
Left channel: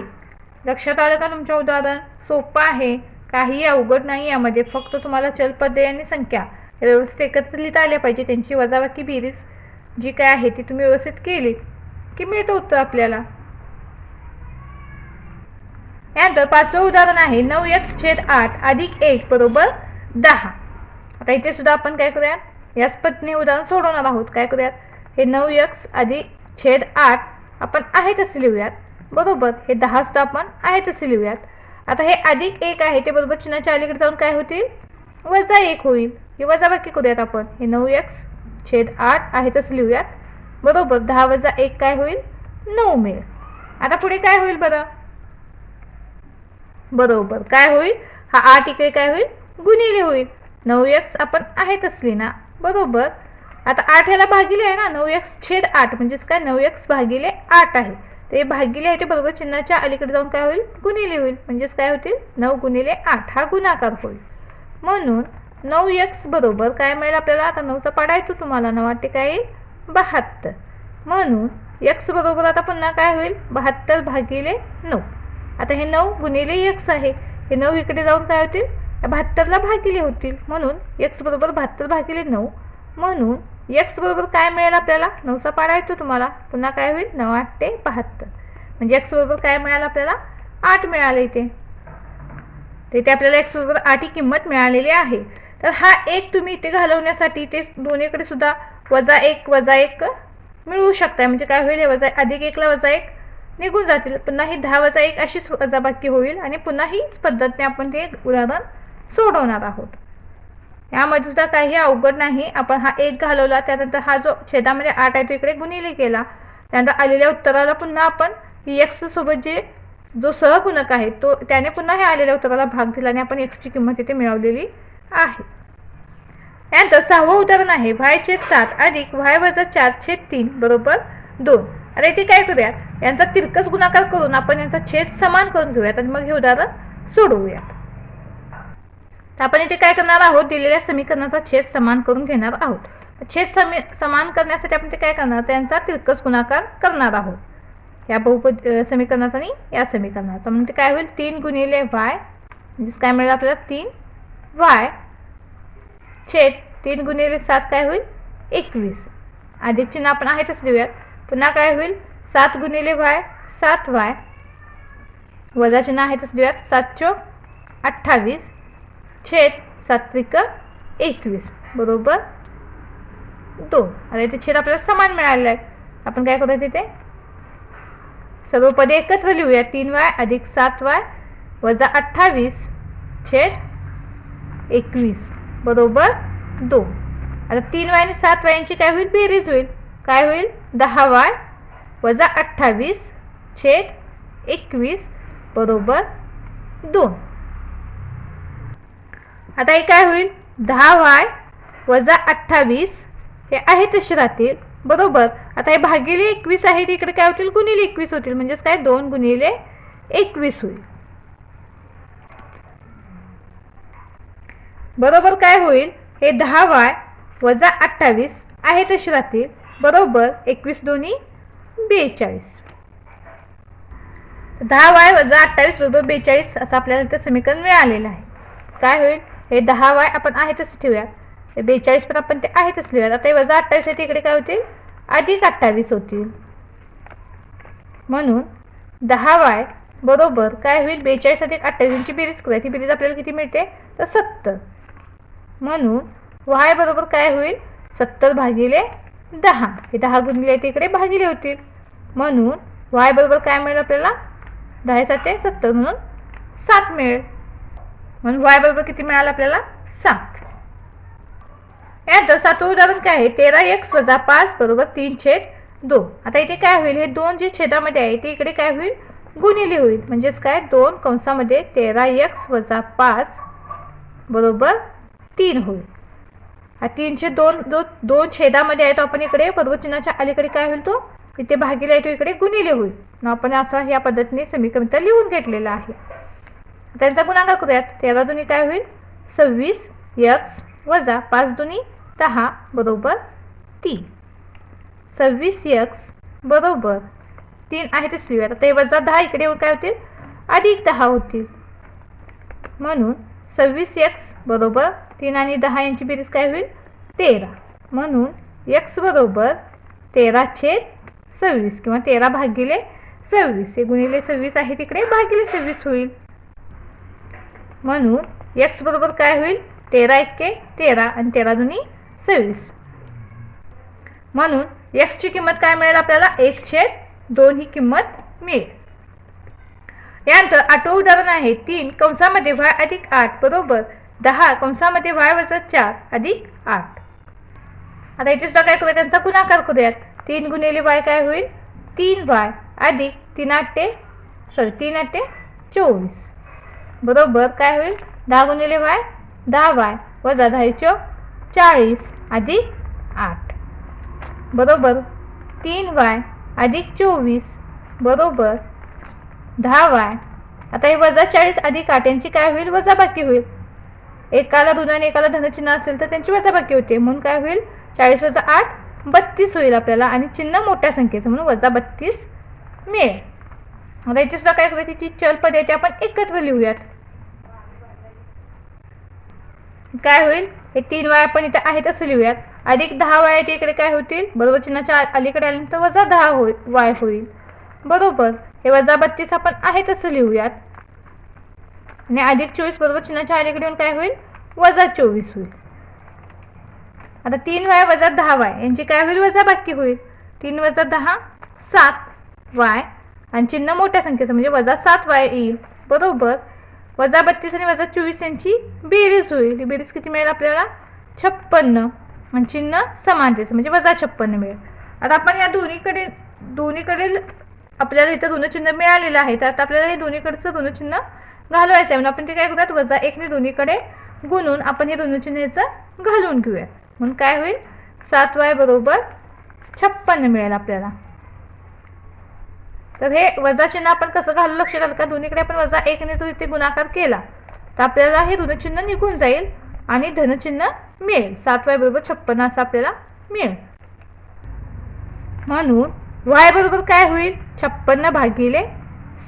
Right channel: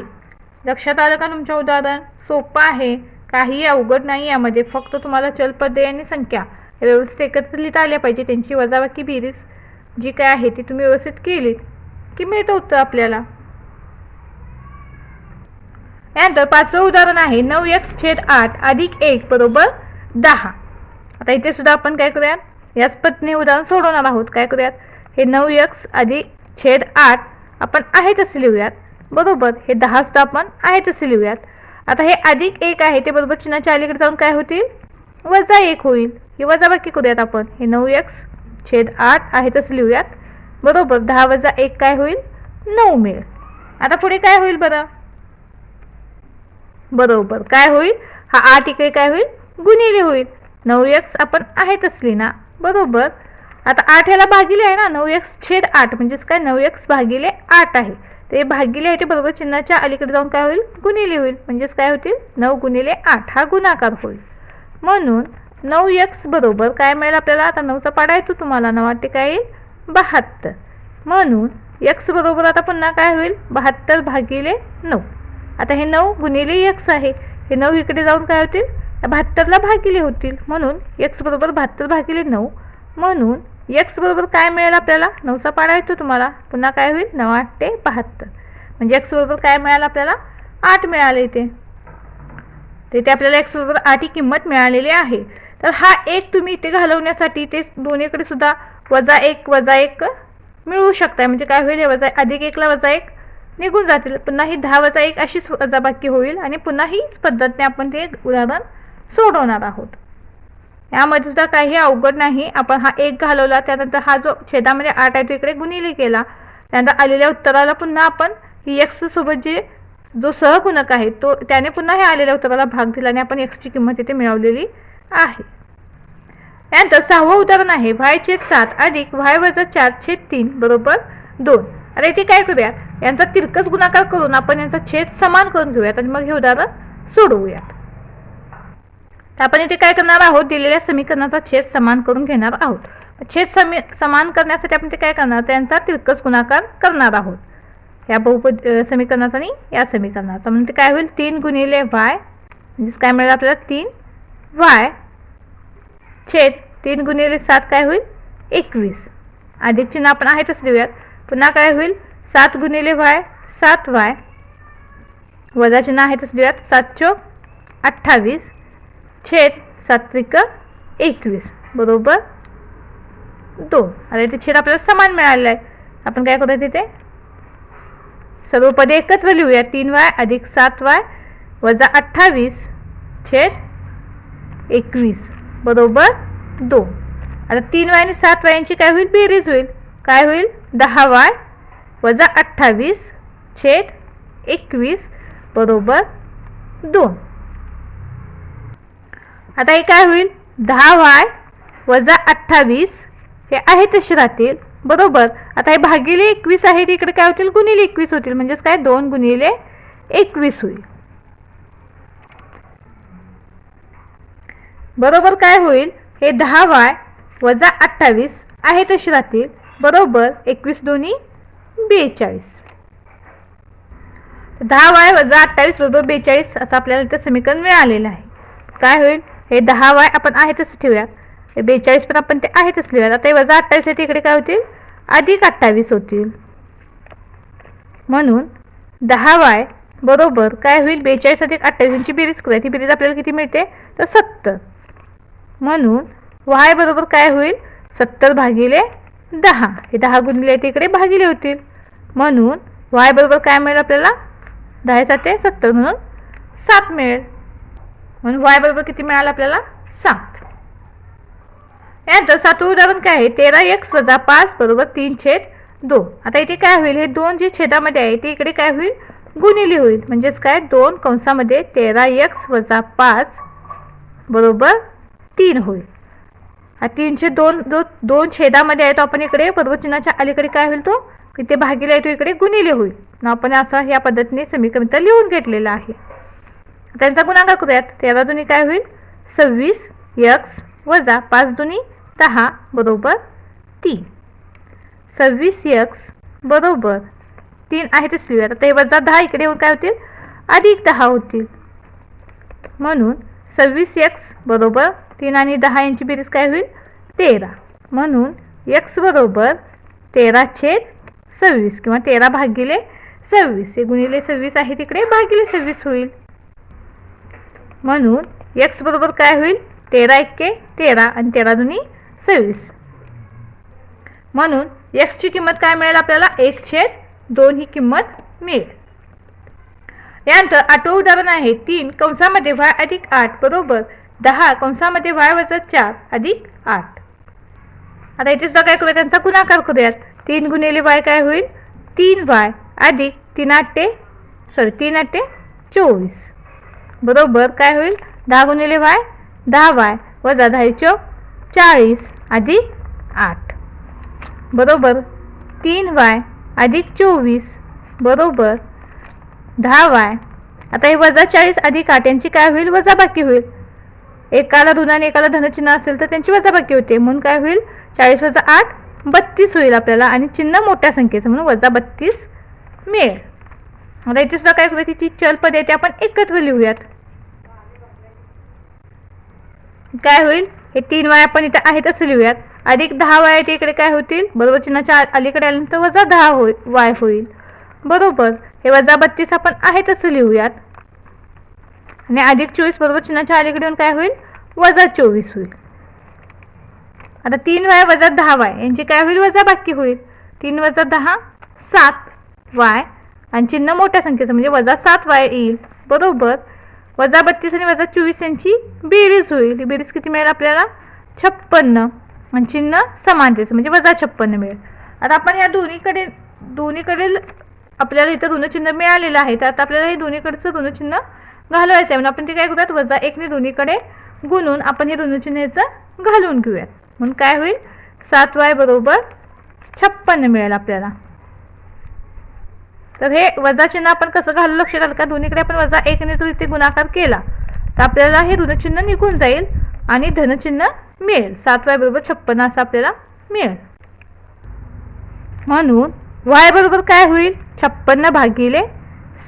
A: लक्षात आलं का तुमच्या उदाहरण? सोपं आहे. काही अवघड नाही यामध्ये. फक्त तुम्हाला चलपदे आणि संख्या हे व्यवस्थित एकत्र लिहिता आल्या पाहिजे. त्यांची वजाबाकी बेरीज जी काय आहे ती तुम्ही व्यवस्थित केली की मिळतं उत्तर आपल्याला. यानंतर पाचवं उदाहरण आहे. नऊ एक्स छेद आठ अधिक एक बरोबर दहा. आता इथे सुद्धा आपण काय करूयात? याच पत्नी उदाहरण सोडवणार आहोत. काय करूयात? हे नऊ यक्स अधिक छेद आठ आपण आहे तसे लिहूयात. बरोबर हे दहा सुद्धा आपण आहे तसे लिहूयात. आता हे अधिक एक आहे ते बरोबर चिन्हाच्या अलीकडे जाऊन काय होतील? वजा एक होईल. हे वजा बाकी करूयात आपण. हे नऊ यक्स छेद आठ आहे तसं लिहूयात. बरोबर दहा वजा एक काय होईल? नऊ मिळेल. आता पुढे काय होईल बरं? बरोबर काय होईल? हा आठ इकडे काय होईल? गुणिले होईल. नऊ यक्स आपण आहे तसली ना बरोबर. आता आठ याला भागिले आहे ना नऊ एक्स छेद आठ म्हणजेच काय? नऊ एक्स भागिले आठ आहे. ते भागिले आहे ते बरोबर चिन्हाच्या अलीकडे जाऊन काय होईल? गुणिले होईल. म्हणजेच काय होतील? नऊ गुणिले आठ हा गुणाकार होईल. म्हणून नऊ एक्स बरोबर काय मिळेल आपल्याला? आता नऊचा पाडा येतो तुम्हाला नऊ आठ काय येईल बहात्तर. म्हणून एक्स बरोबर आता पुन्हा काय होईल? बहात्तर भागिले नऊ. आता हे नऊ गुणिले एक्स आहे. हे नऊ इकडे जाऊन काय होतील? बहात्तरला भागिले होतील. म्हणून एक्स बरोबर बहात्तर भागिले नऊ. म्हणून एक्स बरोबर काय मिळेल आपल्याला? नऊचा पाडा येतो तुम्हाला. पुन्हा काय होईल? नऊ आठ ते बहात्तर. म्हणजे एक्स बरोबर काय मिळालं आपल्याला? आठ मिळालं इथे. तर इथे आपल्याला एक्स बरोबर आठ ही किंमत मिळालेली आहे. तर हा एक तुम्ही इथे घालवण्यासाठी ते दोन्हीकडे सुद्धा वजा एक वजा एक मिळवू शकताय. म्हणजे काय होईल? हे वजा अधिक एकला वजा एक निघून जातील. पुन्हा ही दहा वजा एक अशीच वजाबाकी होईल आणि पुन्हा हीच पद्धतीने आपण ते उदाहरण सोडवणार आहोत. यामध्ये सुद्धा काही अवघड नाही. आपण हा एक घालवला त्यानंतर हा जो छेदामध्ये आठ आहे तो इकडे गुणिले केला. त्यानंतर आलेल्या उत्तराला पुन्हा आपण ही एक्स सोबत जे जो सहगुणक आहे तो त्याने पुन्हा हे आलेल्या उत्तराला भाग दिला आणि आपण एक्सची किंमत इथे मिळवलेली आहे. यानंतर सहावं उदाहरण आहे वाय छेद सात अधिक वाय वजा चार छेद तीन बरोबर दोन. आता इथे काय करूयात? यांचा तिरकस गुणाकार करून आपण यांचा छेद समान करून घेऊयात आणि मग हे उदाहरण सोडवूयात. तर आपण इथे काय करणार आहोत? दिलेल्या समीकरणाचा छेद समान करून घेणार आहोत. छेद समी समान करण्यासाठी आपण ते काय करणार? त्यांचा तिरकस गुणाकार करणार आहोत. या बहुपद समीकरणाचा आणि या समीकरणाचा. म्हणजे काय होईल? तीन गुणिले वाय म्हणजेच काय मिळेल आपल्याला? तीन वाय छेद तीन गुणिले सात काय होईल? एकवीस. अधिक चिन्ह आपण आहेतच देऊयात. पुन्हा काय होईल? सात गुणिले वाय सात वाय. वजा चिन्ह आहेतच देऊयात. सात चो अठ्ठावीस. छेद सात्विक एकवीस बरोबर? दोन. आता इथे छेद आपल्याला समान मिळालेला आहे आपण काय करूया तिथे? सर्व पदे एकत्र लिहूया तीन वाय अधिक सात वाय वजा अठ्ठावीस छेद एकवीस बरोबर? दोन. आता तीन वाय आणि सात वायांची काय होईल? बेरीज होईल. काय होईल? दहा वाय वजा अठ्ठावीस छेद एकवीस बरोबर? दोन. आता हे काय होईल? दहा वाय वजा अठ्ठावीस हे आहे तसे राहतील बरोबर. आता हे भागिले एकवीस आहे इकडे काय होतील? गुणिले एकवीस होतील. म्हणजेच काय? दोन गुणिले एकवीस होईल. बरोबर काय होईल? हे दहा वाय वजा अठ्ठावीस आहे तसे राहतील बरोबर. एकवीस दोन्ही बेचाळीस. दहा वाय वजा अठ्ठावीस बरोबर बेचाळीस असं आपल्याला इथं समीकरण मिळालेलं आहे. काय होईल? हे दहा वाय आपण आहे तसं ठेवूया. हे बेचाळीस पण आपण ते आहे तसं लिहूया आता हे वजा अठ्ठावीस आहे तिकडे काय होतील? अधिक अठ्ठावीस होतील. म्हणून दहा वाय बरोबर काय होईल? बेचाळीस अधिक अठ्ठावीसची बेरीज करूया. ती बेरीज आपल्याला किती मिळते? तर सत्तर. म्हणून वाय बरोबर काय होईल? सत्तर भागिले दहा. हे दहा गुणिले ते इकडे भागिले होतील. म्हणून वाय बरोबर काय मिळेल आपल्याला? दहा साते सत्तर. म्हणून सात मिळेल. म्हणून वाय बरोबर किती मिळालं आपल्याला? सात. यानंतर सातवं उदाहरण काय आहे? तेरा एक्स वजा पाच बरोबर तीन छेद दोन. आता इथे काय होईल? हे दोन जे छेदामध्ये आहे ते इकडे काय होईल? गुणिले होईल. म्हणजेच काय? दोन कंसामध्ये तेरा एक्स वजा पाच बरोबर तीन होईल. हा तीनशे दोन दो दोन छेदामध्ये आहे तो आपण इकडे बरोबर चिन्हाच्या अलीकडे काय होईल तो? इथे भागीला येतो इकडे गुणिले होईल. मग आपण असं या पद्धतीने समीकरण लिहून घेतलेलं आहे. त्यांचा गुणाकार करूयात. तेरा दोन्ही काय होईल? सव्वीस यक्स वजा पाच दोन्ही दहा बरोबर तीन. सव्वीस यक्स बरोबर तीन आहे तेच लिहूयात आता हे वजा दहा इकडे काय होतील? अधिक दहा होतील. म्हणून सव्वीस यक्स बरोबर तीन आणि दहा यांची बेरीज काय होईल? तेरा. म्हणून यक्स बरोबर तेरा छेद सव्वीस किंवा तेरा भागिले सव्वीस. हे गुणिले सव्वीस आहे तिकडे भागिले सव्वीस होईल. म्हणून एक्स बरोबर काय होईल? तेरा इतके तेरा आणि तेरा दोन्ही सव्वीस. म्हणून एक्सची किंमत काय मिळेल आपल्याला? एक छेद दोन ही किंमत मिळेल. यानंतर आठवं उदाहरण आहे तीन कंसामध्ये वाय अधिक आठ बरोबर दहा कंसामध्ये वाय वजा चार अधिक आठ. आता इथे सुद्धा काय करूया त्यांचा गुणाकार करूयात. तीन गुणिले वाय काय होईल? तीन वाय अधिक तीन आठ ते सॉरी तीन आठ ते चोवीस. बरोबर काय होईल? दहा गुणिले वाय? दहा वाय. वजा दहा चौ चाळीस. अधिक आठ. बरोबर? तीन वाय. अधिक चोवीस. बरोबर? दहा वाय. आता हे वजा चाळीस अधिक आठ यांची काय होईल? वजाबाकी होईल. एकाला ऋण आणि एकाला धनचिन्ह असेल तर त्यांची वजाबाकी होते. म्हणून काय होईल? चाळीस वजा आठ बत्तीस होईल आपल्याला आणि चिन्ह मोठ्या संख्येचं म्हणून वजा बत्तीस मिळेल. आता इथे सुद्धा काय करायची तिची चल पद आहे ते आपण एकत्र लिहूयात. काय होईल? हे तीन वाया आपण इथे आहेत असं लिहूयात. अधिक दहा वाया ते इकडे काय होतील? बरोबर चिन्हाच्या अलीकडे आल्यानंतर वजा दहा होईल वाय होईल. बरोबर. हे वजा बत्तीस आपण आहेत असं लिहूयात. आणि अधिक चोवीस बरोबर चिन्हाच्या अलीकडे येऊन काय होईल? वजा चोवीस होईल. आता तीन वाय वजा दहा वाय. यांची काय होईल? वजा बाकी होईल. तीन वजा दहा सात वाय. आणि चिन्ह मोठ्या संख्येचं म्हणजे वजा सात वाय येईल. बरोबर. वजा बत्तीस आणि वजा चोवीस यांची बेरीज होईल. ही बेरीज किती मिळेल आपल्याला? छप्पन्न. आणि चिन्ह समानतेचं म्हणजे वजा छप्पन्न मिळेल. आता आपण ह्या दोन्हीकडे दोन्हीकडील आपल्याला इथं ऋणचिन्ह मिळालेलं आहे. तर आता आपल्याला हे दोन्हीकडचं ऋणचिन्ह घालवायचं आहे. म्हणून आपण ते काय करूयात? वजा एकने दोन्हीकडे गुणून आपण हे ऋणचिन्ह याचं घालून घेऊयात. म्हणून काय होईल? सात वाय बरोबर छप्पन्न मिळेल आपल्याला. तर हे वजा चिन्ह आपण कसं घालू? लक्षात आलं का दोन्हीकडे आपण वजा एकने जर इथे गुणाकार केला. तर आपल्याला हे ऋणचिन्ह निघून जाईल आणि धनचिन्ह मिळेल. सात वाय बरोबर छप्पन्न असं आपल्याला मिळेल. म्हणून वाय बरोबर काय होईल? छप्पन्न भागिले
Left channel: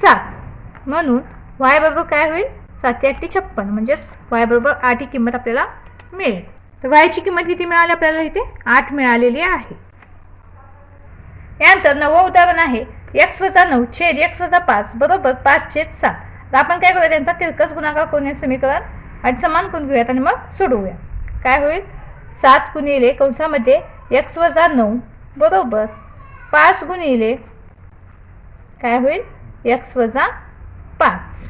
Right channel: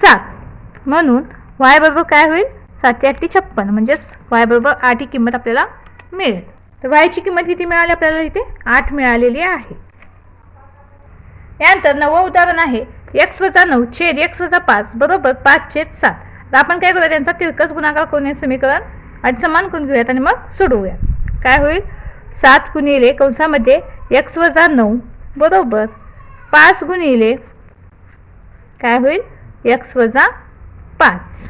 A: सात. म्हणून वाय बरोबर काय होईल? सातशे आठी छप्पन्न म्हणजेच वाय बरोबर आठ ही किंमत आपल्याला मिळेल. तर वायची किंमत किती मिळाली आपल्याला इथे? आठ मिळालेली आहे. यानंतर नवं उदाहरण आहे. एक्स वजा नऊ छेद एक्स वजा पाच बरोबर पाच छेद सात. तर आपण काय करूया? त्यांचा तिरकस गुणाकार करून समीकरण आणि समान करून घेऊयात आणि मग सोडवूया. काय होईल? सात गुणिले कंसामध्ये एक्स वजा नऊ बरोबर पाच गुणिले काय होईल? एक्स वजा पाच.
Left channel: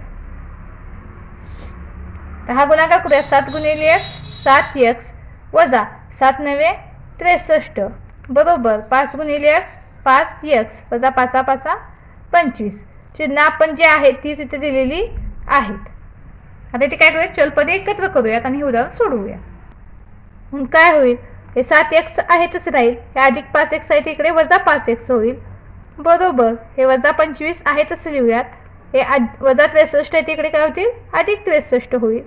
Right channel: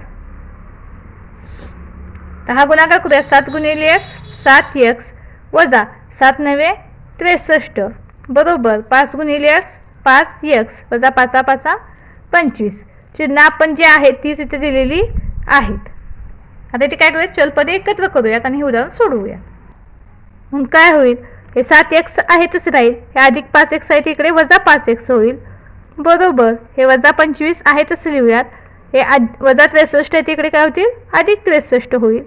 A: तर हा गुणाकार करूया. सात गुणिले एक्स सात एक्स वजा सात नव्हे त्रेसष्ट बरोबर पाच गुणिले एक्स पाच यक्स वजा पाचा पाचा पंचवीस. चिन्ह आपण जे आहेत तीच इथे दिलेली आहेत. आता इथे काय करूया? चलपदे एकत्र करूयात आणि हे उदाहरण सोडवूया. मग काय होईल? हे सात एक्स आहेतच राहील. हे अधिक पाच एक्स आहे तिकडे वजा पाच एक्स होईल. बरोबर. हे वजा पंचवीस आहे तसं लिहूयात. हे वजा त्रेसष्ट आहे तिकडे काय होतील? अधिक त्रेसष्ट होईल.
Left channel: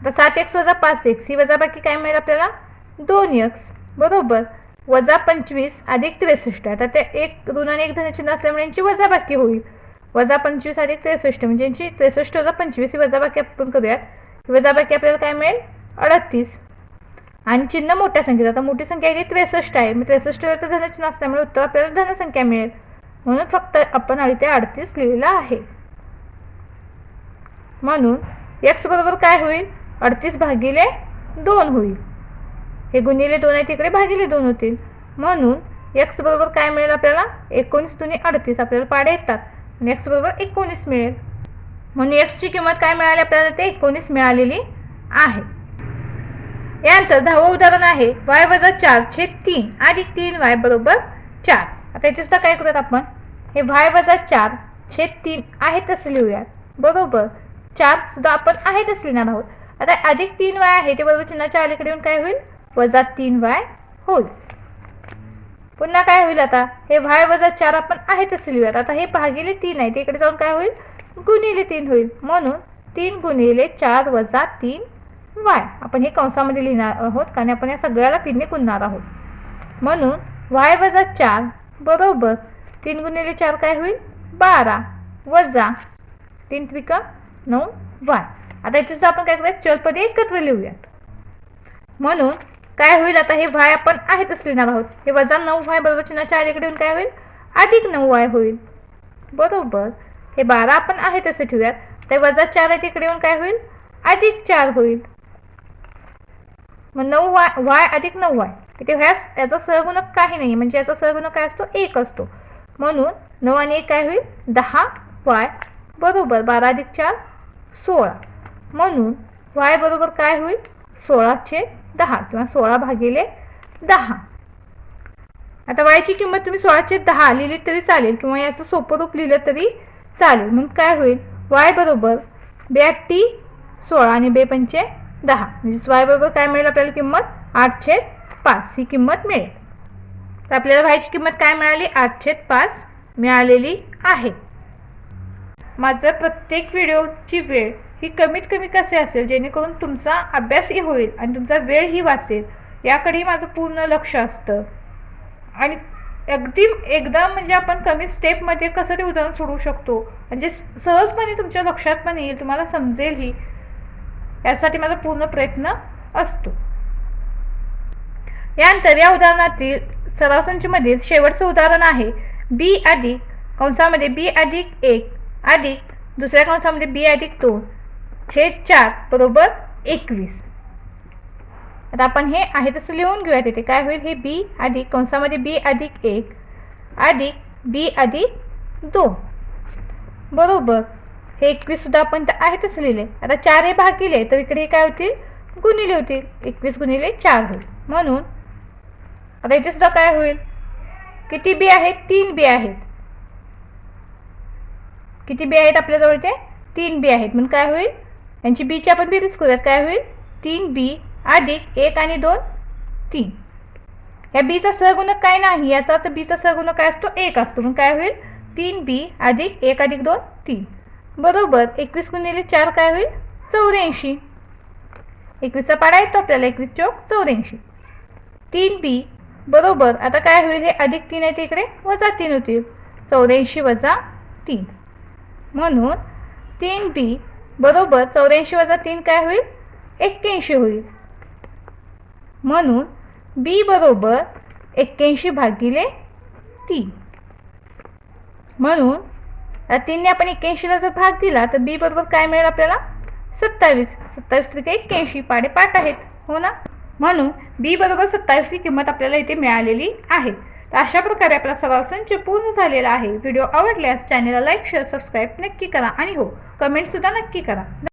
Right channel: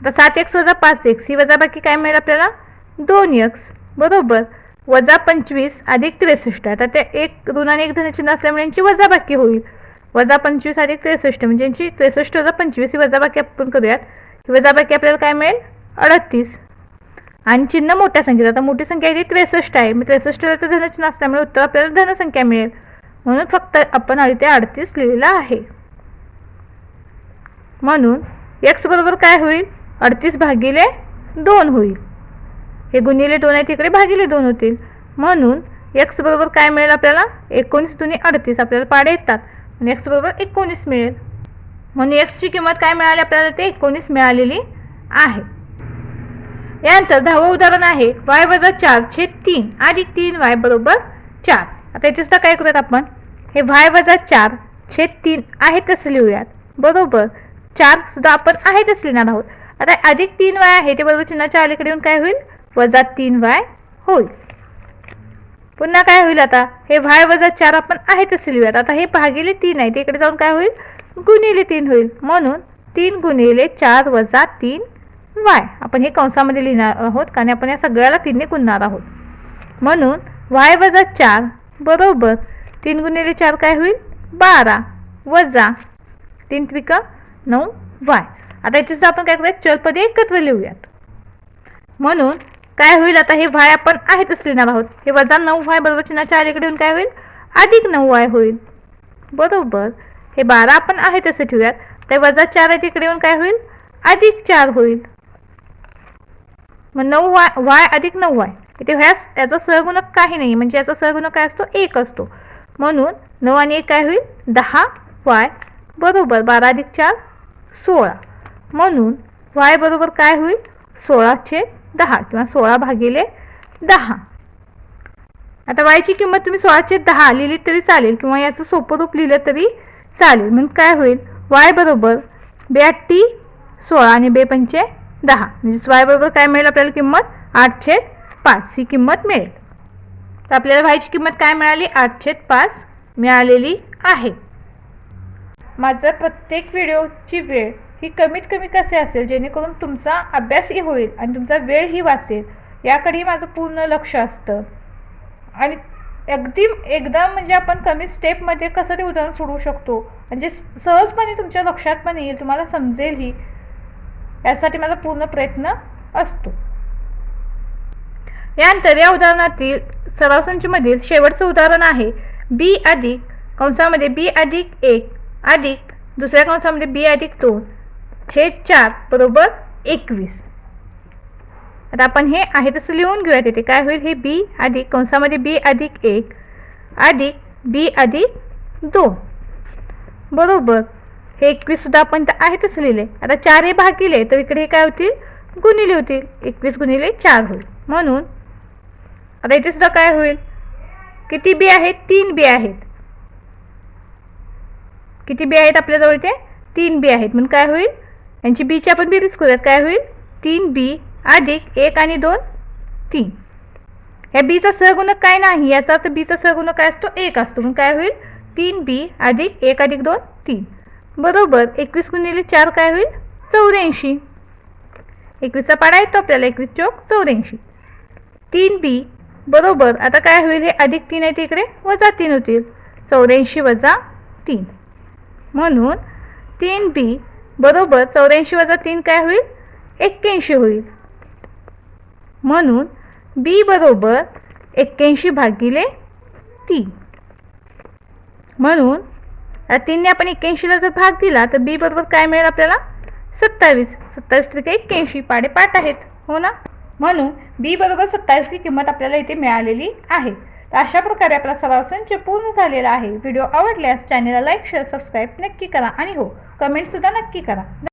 A: आता सात एक्स वजा पाच एक्स ही वजा बाकी काय मिळेल आपल्याला? दोन एक्स बरोबर. वजा पंचवीस अधिक त्रेसष्ट. आता ते एक दोन आणि एक धनचिन्ह असल्यामुळे यांची वजाबाकी होईल. वजा पंचवीस अधिक त्रेसष्ट म्हणजे यांची त्रेसष्ट वजा पंचवीस ही वजाबाकी आपण करूयात. वजाबाकी आपल्याला काय मिळेल? अडतीस. आणि चिन्ह मोठ्या संख्येचं आता मोठी संख्या आहे ती त्रेसष्ट आहे. मग त्रेसष्टला तर धनचिन्ह असल्यामुळे उत्तर आपल्याला धनसंख्या मिळेल. म्हणून फक्त आपण इथे अडतीस लिहिलेला आहे. म्हणून एक्स बरोबर काय होईल? अडतीस भागिले दोन होईल. हे गुणिले दोन आहे तिकडे भागिले दोन होतील. म्हणून एक्स बरोबर काय मिळेल आपल्याला? एकोणीस दुनी अडतीस आपल्याला पाडे येतात. आणि एक्स बरोबर एकोणीस मिळेल. म्हणून एक्सची किंमत काय मिळाली आपल्याला? ते एकोणीस मिळालेली आहे. यानंतर दहावं उदाहरण आहे. वाय वजा चार छेद तीन अधिक तीन वाय बरोबर चार. आता याच्यासुद्धा सुद्धा काय करूयात आपण? हे वाय वजा चार छेद तीन आहे तसं लिहूयात. बरोबर? चारसुद्धा आपण आहे तसं लिहिणार आहोत. आता अधिक तीन वाय आहे ते बरोबर चिन्हाच्या अलीकडे येऊन काय होईल? वजा तीन वाय होईल. पुन्हा काय होईल आता? हे वाय वजा चार आपण आहे तसे लिहूयात आता हे भागिले तीन आहे. ते इकडे जाऊन काय होईल? गुणिले तीन होईल. म्हणून तीन गुणिले चार वजा तीन वाय. आपण हे कंसामध्ये लिहिणार आहोत कारण आपण या सगळ्याला तीनने गुणणार आहोत. म्हणून वाय वजा चार बरोबर तीन गुणिले चार काय होईल? बारा वजा तीन त्रिका नऊ वाय. आता याच्यासुद्धा आपण काय करूयात? चलपदे एकत्र लिहूयात. म्हणून काय होईल आता? हे वाय आपण आहेतच लिहिणार आहोत. हे वजा नऊ वाय बरोबर चिन्हाच्या अलीकडे येऊन काय होईल? अधिक नऊ वाय होईल. बरोबर. हे बारा आपण आहे तसे ठेवूयात. ते वजा चार आहे तिकडे येऊन काय होईल? अधिक चार होईल. मग नऊ वाय वाय अधिक नऊ वाय इथे ह्याच याचा सहगुणक काही नाही म्हणजे याचा सहगुणक काय असतो? एक असतो. म्हणून नऊ आणि एक काय होईल? दहा वाय बरोबर बारा अधिक चार सोळा. म्हणून वाय बरोबर काय होईल? सोळाचे दहा किंवा सोळा भागिले दहा. आता वायची किंमत तुम्ही सोळाचे दहा लिहिली तरी चालेल किंवा याचं सोपं रूप लिहिलं तरी चालेल. मग काय होईल? वाय बरोबर ब्याटी सोळा आणि बे पंचे दहा. म्हणजे वाय बरोबर काय मिळेल आपल्याला किंमत? आठ छेद पाच. ही किंमत मिळेल. तर आपल्याला वायची किंमत काय मिळाली? आठ छेद पाच मिळालेली आहे. माझं प्रत्येक व्हिडिओची वेळ ही कमीत कमी कसे असेल? जेणेकरून तुमचा अभ्यासही होईल आणि तुमचा वेळही वाचेल. याकडेही माझं पूर्ण लक्ष असतं. आणि अगदी एकदम म्हणजे आपण कमी स्टेपमध्ये कसं ते उदाहरण सोडवू शकतो? म्हणजे सहजपणे तुमच्या लक्षात पण येईल तुम्हाला समजेलही. यासाठी माझा पूर्ण प्रयत्न असतो. यानंतर या उदाहरणातील सरावसंचीमधील शेवटचं उदाहरण आहे. बी अधिक कंसामध्ये बी अधिक एक अधिक दुसऱ्या कंसामध्ये बी अधिक दोन. छेद चार बरोबर एकवीस. आता आपण हे आहे तसं लिहून घेऊया तिथे काय होईल? हे बी अधिक कंसामध्ये बी अधिक एक अधिक बी अधिक दोन. बरोबर. हे एकवीस सुद्धा आपण तर आहे तसं लिहिले. आता चार हे भागिले तर इकडे हे काय होतील? गुणिले होतील. एकवीस गुणिले चार होईल. म्हणून आता इथे सुद्धा काय होईल? किती बी आहेत? तीन बी आहेत. किती बी आहेत आपल्याजवळ इथे? तीन बी आहेत. म्हणून काय होईल? यांची बीची आपण बेरीज करूयात. काय होईल? तीन बी अधिक एक आणि दोन तीन. ह्या बीचा सहगुणक काय नाही? याचा अर्थ बीचा सहगुणक काय असतो? एक असतो. मग काय होईल? तीन बी अधिक एक अधिक दोन तीन. बरोबर. एकवीस गुणिले चार काय होईल? चौऱ्याऐंशी. एकवीसचा पाडा येतो आपल्याला. एकवीस चौक चौऱ्याऐंशी. तीन बी बरोबर. आता काय होईल? हे अधिक तीन आहे तिकडे. वजा तीन होतील. चौऱ्याऐंशी वजा तीन. म्हणून तीन बी बरोबर चौऱ्याऐंशी वजा तीन काय होईल? एक्क्याऐंशी होईल. म्हणून बी बरोबर एक्क्याऐंशी भागिले तीन. म्हणून तीनने आपण एक्क्याऐंशीला जर भाग दिला तर बी बरोबर काय मिळेल आपल्याला? सत्तावीस. सत्तावीस त्रिके एक्क्याऐंशी. पाडेपाठ आहेत. हो ना? म्हणून बी बरोबर सत्तावीसची किंमत आपल्याला इथे मिळालेली आहे. तर अशा प्रकारे आपला सराव संच पूर्ण झालेला आहे. व्हिडिओ आवडल्यास चॅनेलला लाईक शेअर सबस्क्राईब नक्की करा. आणि हो कमेंटसुद्धा नक्की करा.